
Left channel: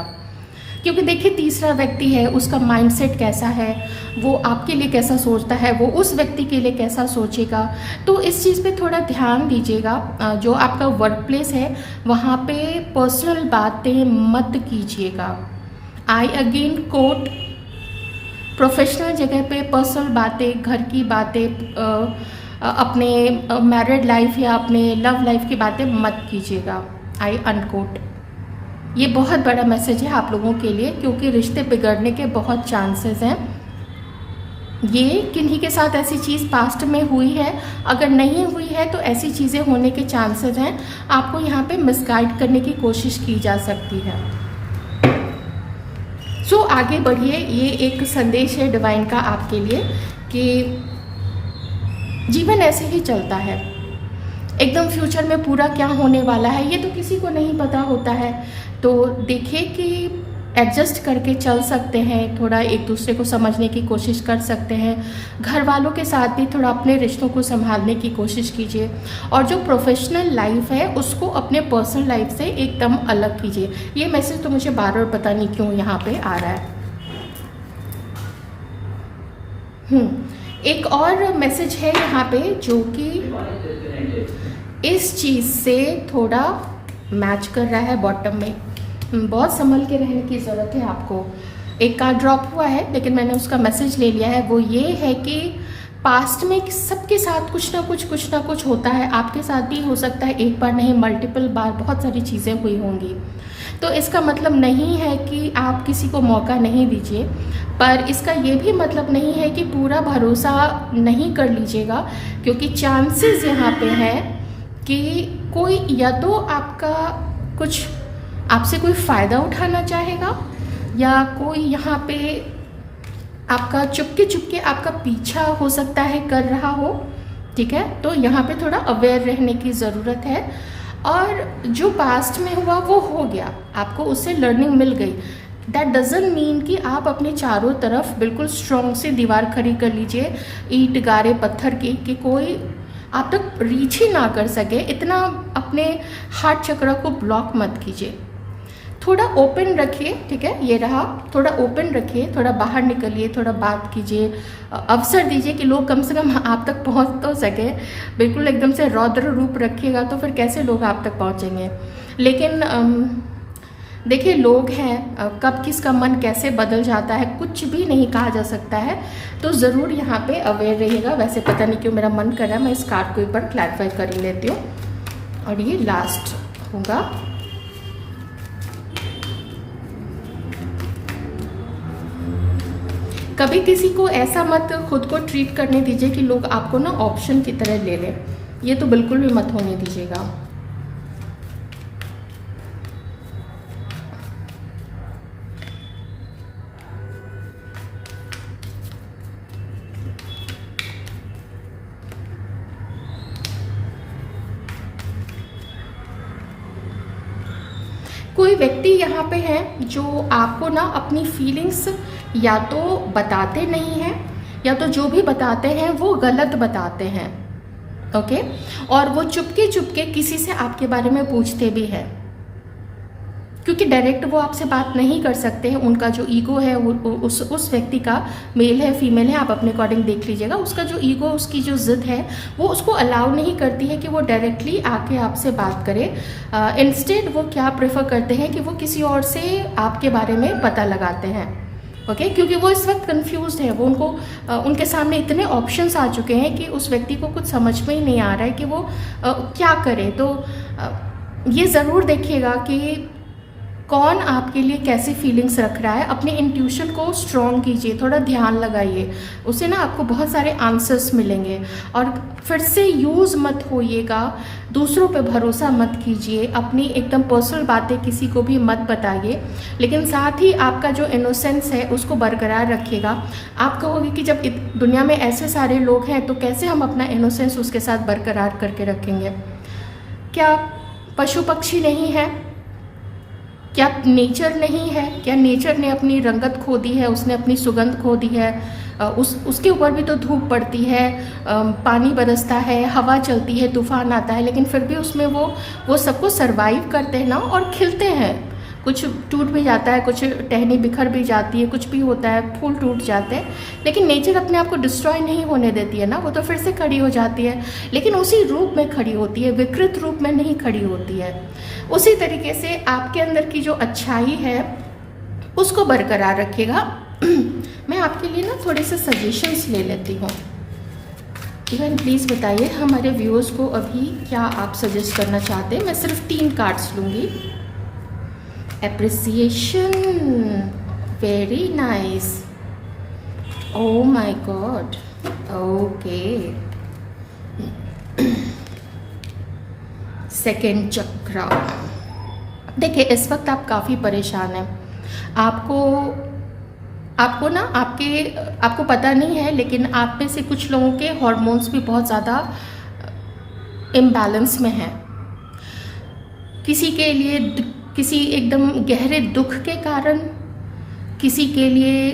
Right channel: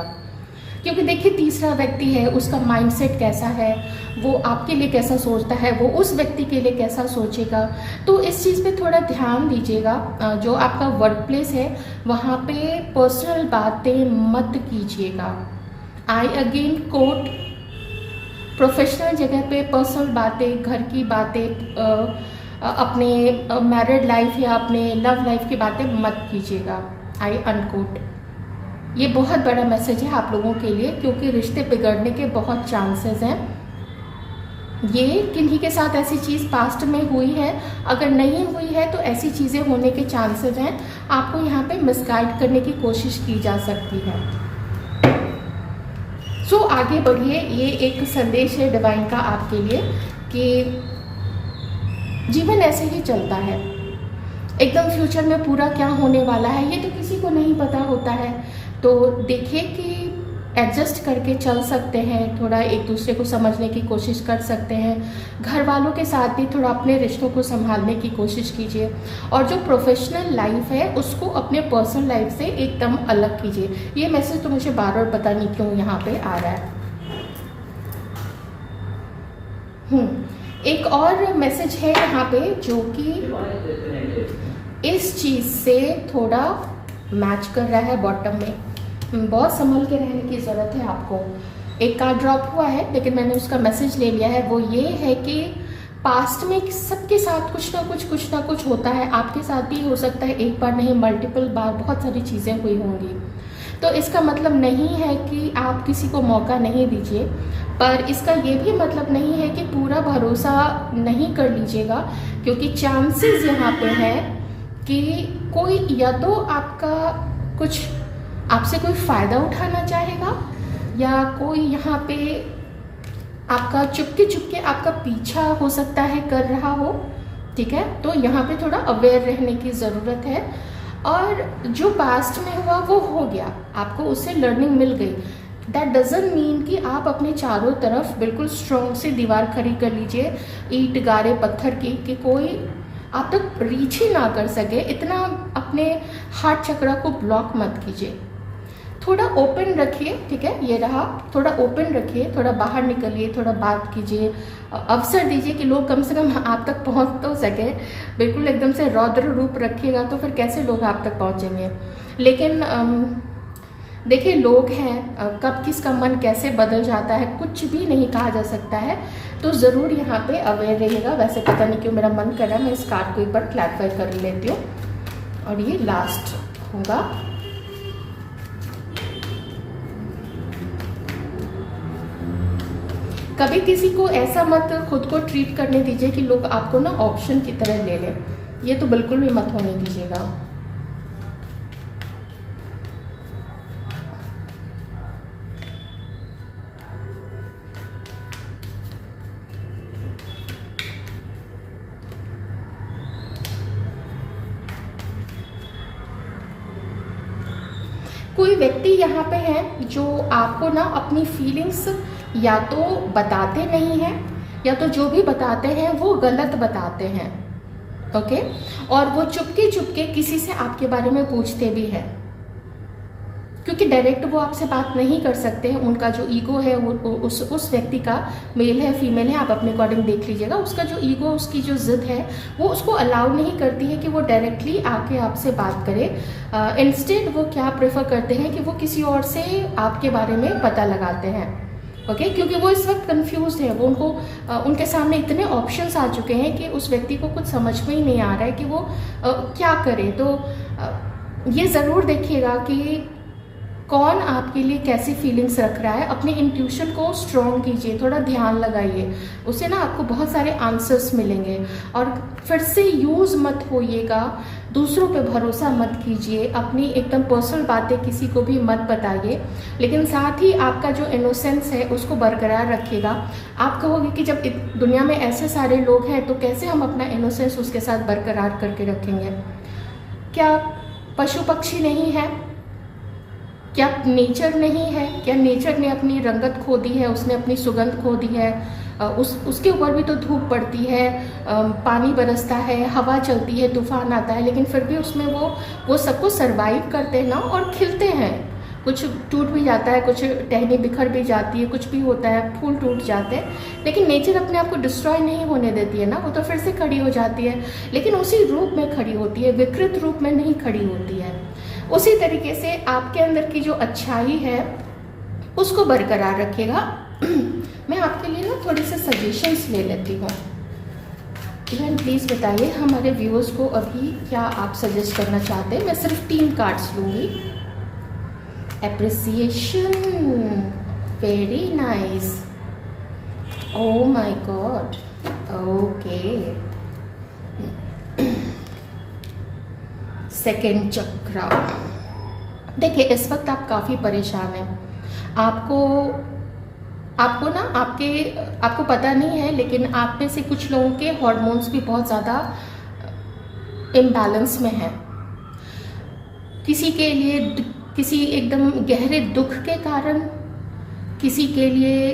क्योंकि देखिए तीसरा व्यक्ति है, उसका माइंडसेट कैसा है, वो आपके लिए कैसा सोचता है, वो उस व्यक्ति के लिए कैसा सोचेगा। तो इस चीज़ पे थोड़ा ध्यान दीजिएगा। जो आपका वर्क प्लेस है वहाँ पे पर्सनल बातें मत कीजिएगा। आई अगेन कोट, प्रोफेशनल जगह पे पर्सनल बातें, घर की बातें, अपने मैरिड लाइफ या अपने लव लाइफ की बातें मत कीजिएगा। आई अनकोट। ये बहुत बड़ा मैसेज है आप लोगों के लिए, क्योंकि रिश्ते बिगड़ने के बहुत चांसेस हैं। ये किन्हीं के साथ ऐसी चीज़ पास्ट में हुई है, अगर नहीं हुई है तो ऐसी चीज़ें होने के चांसेस हैं। आपको यहाँ पे मिसगाइड करने की कोशिश की जा सकती है। सो आगे बढ़िए। ये एक संदेश है डिवाइन का आपके लिए कि जीवन ऐसे ही चलता है। एकदम फ्यूचर में पूरा क्या होने वाला है ये तो किसी को नहीं पता होता है। तो देखिए कि एडजस्ट करके चल सकते हैं, थोड़ा एक दूसरे को समझने की कोशिश कर सकते हैं। घर वालों के साथ भी थोड़ा अपने रिश्तों को संभालने की कोशिश कीजिए, और जो प्रोफेशनल लाइफ है उसको अपने पर्सनल लाइफ से एकदम अलग कीजिए। ये मैसेज तो मुझे बार बार पता नहीं क्यों यहाँ पे आ रहा है। एक और मैसेज है यहाँ पे जो कि इस चीज़ से थोड़ा मैच कर रहा है। बॉटम में बहुत संभल के रहने की ज़रूरत है आपको। एक कार्ड ड्रॉप हुआ है लेकिन मैंने उसका मैसेज ले लिया है। वो ये है कि पास्ट में सबके साथ कुछ ना कुछ होता है। आपके साथ भी हो सकता है, एक बार नहीं मल्टीपल बार बहुत सारी चीज़ें हुई होंगी। तो इसका मतलब नहीं है कि आप किसी को मौका नहीं दीजिए, पर इसका ये भी मतलब नहीं है कि पूरा भरोसा नहीं कर लीजिएगा, क्योंकि चांसेस यहाँ पे है कि कोई या तो आपका कुछ आपसे कोई फ़ायदा उठाना चाहेगा, या कोई यहाँ पे आपका चुपके आपका पीछा हो सकता है कर रहा हो। ठीक है, तो यहाँ पे थोड़ा अवेयर रहने की ज़रूरत है। और जो पास्ट में हुआ वो हो गया, आपको उससे लर्निंग मिल गई। दैट डजंट मीन कि आप अपने चारों तरफ बिल्कुल स्ट्रॉन्ग से दीवार खड़ी कर लीजिए, ईंट गारे पत्थर की, कि कोई आप तक रीच ही ना कर सके। इतना अपने हार्ट चक्र को ब्लॉक मत कीजिए। थोड़ा ओपन रखिए, ठीक है, ये रहा, थोड़ा ओपन रखिए, थोड़ा बाहर निकलिए, थोड़ा बात कीजिए, अवसर दीजिए कि लोग कम से कम आप तक पहुंच तो सके। बिल्कुल एकदम से रौद्र रूप रखिएगा तो फिर कैसे लोग आप तक पहुंचेंगे। लेकिन देखिए, लोग हैं, कब किसका मन कैसे बदल जाता है कुछ भी नहीं कहा जा सकता है, तो ज़रूर यहाँ पे अवेयर रहिएगा। वैसे पता नहीं क्यों मेरा मन कर रहा है मैं इस कार्ड को एक बार क्लैरिफाई कर ही लेती हूँ, और ये लास्ट होगा। कभी किसी को ऐसा मत खुद को ट्रीट करने दीजिए कि लोग आपको ना ऑप्शन की तरह ले लें, ये तो बिल्कुल भी मत होने दीजिएगा। कोई व्यक्ति यहाँ पे है जो आपको ना अपनी फीलिंग्स या तो बताते नहीं हैं, या तो जो भी बताते हैं वो गलत बताते हैं, ओके। और वो चुपके चुपके किसी से आपके बारे में पूछते भी हैं, क्योंकि डायरेक्ट वो आपसे बात नहीं कर सकते हैं। उनका जो ईगो है वो उस व्यक्ति का, मेल है फीमेल है, आप अपने अकॉर्डिंग देख लीजिएगा, उसका जो ईगो, उसकी जो जिद है वो उसको अलाउ नहीं करती है कि वो डायरेक्टली आके आपसे बात करे। इंस्टेड वो क्या प्रेफर करते हैं कि वो किसी और से आपके बारे में पता लगाते हैं, ओके। क्योंकि वो इस वक्त कंफ्यूज्ड है, वो उनके सामने इतने ऑप्शंस आ चुके हैं कि उस व्यक्ति को कुछ समझ में ही नहीं आ रहा है कि वो क्या करे। तो ये ज़रूर देखिएगा कि कौन आपके लिए कैसी फीलिंग्स रख रहा है। अपने इंट्यूशन को स्ट्रॉन्ग कीजिए, थोड़ा ध्यान लगाइए, उससे ना आपको बहुत सारे आंसर्स मिलेंगे। और फिर से यूज़ मत होइएगा, दूसरों पे भरोसा मत कीजिए, अपनी एकदम पर्सनल बातें किसी को भी मत बताइए, लेकिन साथ ही आपका जो इनोसेंस है उसको बरकरार रखिएगा। आप कहोगे कि जब दुनिया में ऐसे सारे लोग हैं तो कैसे हम अपना इनोसेंस उसके साथ बरकरार करके रखेंगे। क्या पशु पक्षी नहीं है? क्या नेचर नहीं है? क्या नेचर ने अपनी रंगत खो दी है, उसने अपनी सुगंध खो दी है? उसके ऊपर भी तो धूप पड़ती है, पानी बरसता है, हवा चलती है, तूफान आता है, लेकिन फिर भी उसमें वो सबको सरवाइव करते हैं ना, और खिलते हैं। कुछ टूट भी जाता है, कुछ टहनी बिखर भी जाती है, कुछ भी होता है, फूल टूट जाते हैं, लेकिन नेचर अपने आप को डिस्ट्रॉय नहीं होने देती है ना, वो तो फिर से खड़ी हो जाती है, लेकिन उसी रूप में खड़ी होती है, विकृत रूप में नहीं खड़ी होती है। उसी तरीके से आपके अंदर की जो अच्छाई है उसको बरकरार रखिएगा। मैं आपके लिए ना थोड़े से सजेशंस ले लेती हूँ। इवन प्लीज़ बताइए हमारे व्यूअर्स को अभी क्या आप सजेस्ट करना चाहते हैं। मैं सिर्फ 3 कार्ड्स लूँगी। Appreciation, very nice, oh my God, okay. Second चक्र। देखिए, इस वक्त आप काफ़ी परेशान हैं। आपको ना आपको पता नहीं है, लेकिन आप में से कुछ लोगों के हार्मोन्स भी बहुत ज़्यादा इम्बैलेंस में हैं। किसी के लिए किसी एकदम गहरे दुख के कारण, किसी के लिए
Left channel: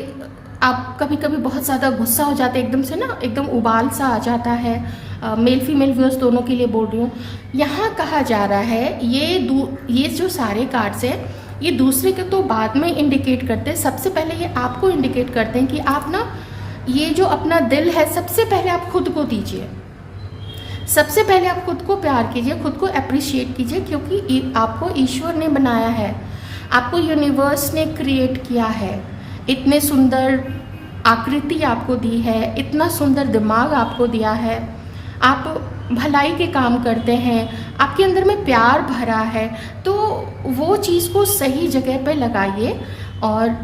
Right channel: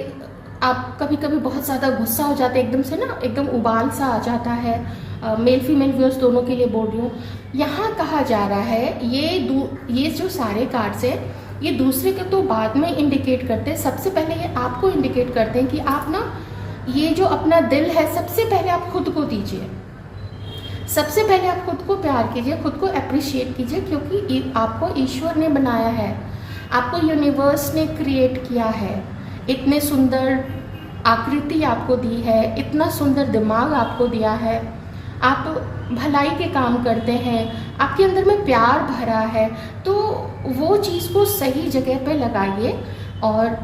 आप कभी कभी बहुत ज़्यादा गुस्सा हो जाते हैं, एकदम से ना एकदम उबाल सा आ जाता है। मेल फीमेल व्यूअर्स दोनों के लिए बोल रही हूँ। यहाँ कहा जा रहा है ये जो सारे कार्ड्स हैं ये दूसरे को तो बाद में इंडिकेट करते हैं, सबसे पहले ये आपको इंडिकेट करते हैं कि आप ना ये जो अपना दिल है सबसे पहले आप खुद को दीजिए, सबसे पहले आप खुद को प्यार कीजिए, खुद को अप्रिशिएट कीजिए, क्योंकि आपको ईश्वर ने बनाया है, आपको यूनिवर्स ने क्रिएट किया है, इतने सुंदर आकृति आपको दी है, इतना सुंदर दिमाग आपको दिया है, आप भलाई के काम करते हैं, आपके अंदर में प्यार भरा है, तो वो चीज़ को सही जगह पे लगाइए और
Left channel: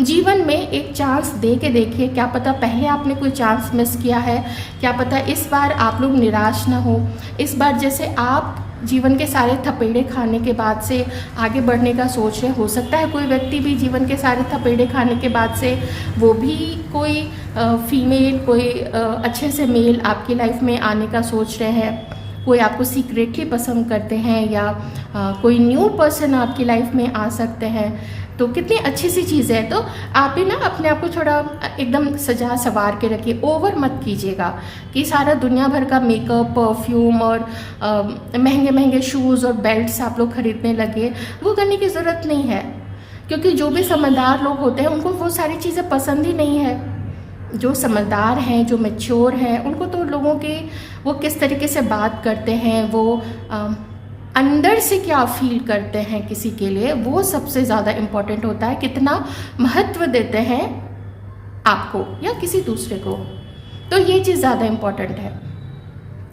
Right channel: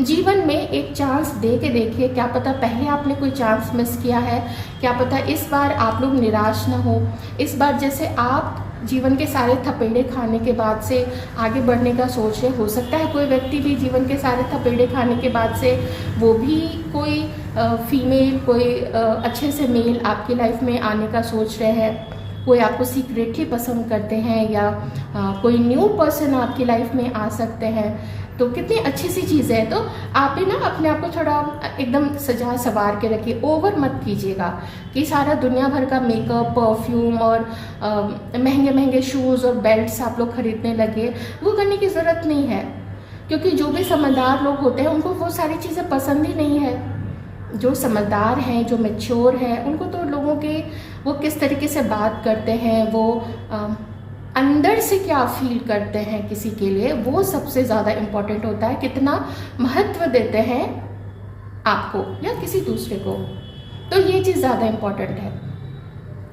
जीवन में एक चांस दे के देखिए। क्या पता पहले आपने कोई चांस मिस किया है, क्या पता इस बार आप लोग निराश ना हो। इस बार जैसे आप जीवन के सारे थपेड़े खाने के बाद से आगे बढ़ने का सोच रहे, हो सकता है कोई व्यक्ति भी जीवन के सारे थपेड़े खाने के बाद से वो भी कोई फीमेल, कोई अच्छे से मेल आपकी लाइफ में आने का सोच रहे हैं। कोई आपको सीक्रेटली पसंद करते हैं, या कोई न्यू पर्सन आपकी लाइफ में आ सकते हैं, तो कितनी अच्छी सी चीज़ है। तो आप भी ना अपने आप को थोड़ा एकदम सजा सवार के रखिए, ओवर मत कीजिएगा कि सारा दुनिया भर का मेकअप, परफ्यूम और महंगे महंगे शूज़ और बेल्ट्स आप लोग खरीदने लगे। वो करने की ज़रूरत नहीं है, क्योंकि जो भी समझदार लोग होते हैं उनको वो सारी चीज़ें पसंद ही नहीं है। जो समझदार हैं, जो मैच्योर हैं, उनको तो लोगों के वो किस तरीके से बात करते हैं, वो अंदर से क्या फील करते हैं किसी के लिए, वो सबसे ज़्यादा इम्पोर्टेंट होता है। कितना महत्व देते हैं आपको या किसी दूसरे को, तो ये चीज़ ज़्यादा इम्पोर्टेंट है।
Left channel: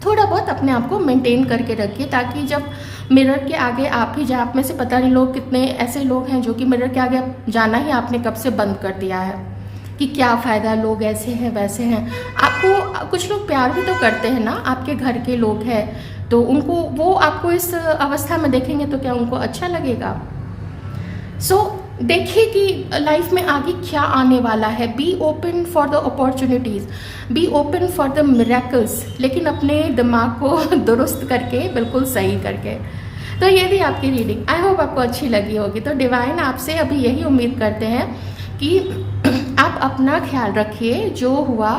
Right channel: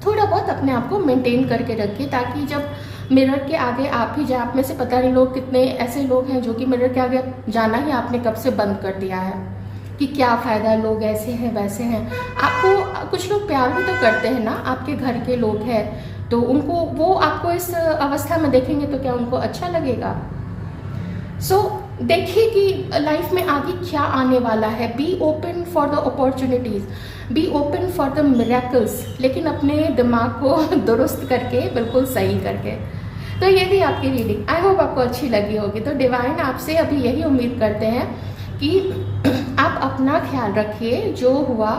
थोड़ा बहुत अपने आप को मेंटेन करके रखिए, ताकि जब मिरर के आगे आप ही जाए, आप में से पता नहीं लोग कितने ऐसे लोग हैं जो कि मिरर के आगे जाना ही आपने कब से बंद कर दिया है कि क्या फ़ायदा, लोग ऐसे हैं वैसे हैं। आपको कुछ लोग प्यार भी तो करते हैं ना, आपके घर के लोग हैं, तो उनको वो आपको इस अवस्था में देखेंगे तो क्या उनको अच्छा लगेगा? सो देखिए कि लाइफ में आगे क्या आने वाला है। Be open for the opportunities, be open for the miracles, लेकिन अपने दिमाग को दुरुस्त करके, बिल्कुल सही करके। तो ये थी आपकी रीडिंग, आई होप आपको अच्छी लगी होगी। तो डिवाइन आपसे अभी यही उम्मीद करते हैं कि आप अपना ख्याल रखिए, जो हुआ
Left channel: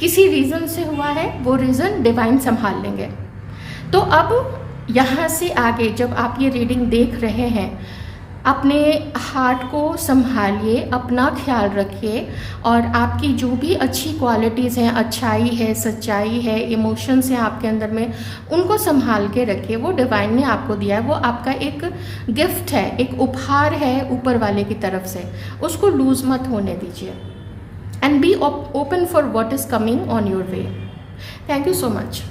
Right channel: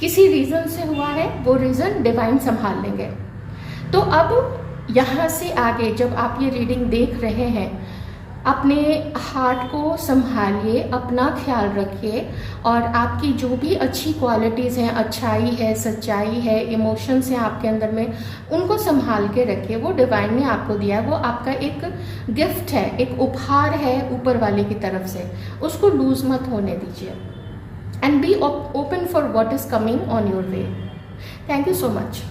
किसी रीज़न से हुआ है, वो रीज़न डिवाइन संभाल लेंगे। तो अब यहाँ से आगे जब आप ये रीडिंग देख रहे हैं, अपने हार्ट को संभालिए, अपना ख्याल रखिए, और आपकी जो भी अच्छी क्वालिटीज़ हैं, अच्छाई है, सच्चाई है, इमोशंस हैं आपके अंदर में, उनको संभाल के रखिए। वो डिवाइन ने आपको दिया है, वो आपका एक गिफ्ट है, एक उपहार है ऊपर वाले की तरफ से, उसको लूज मत होने दीजिए। And be open for what is coming on your way. Thank you so much.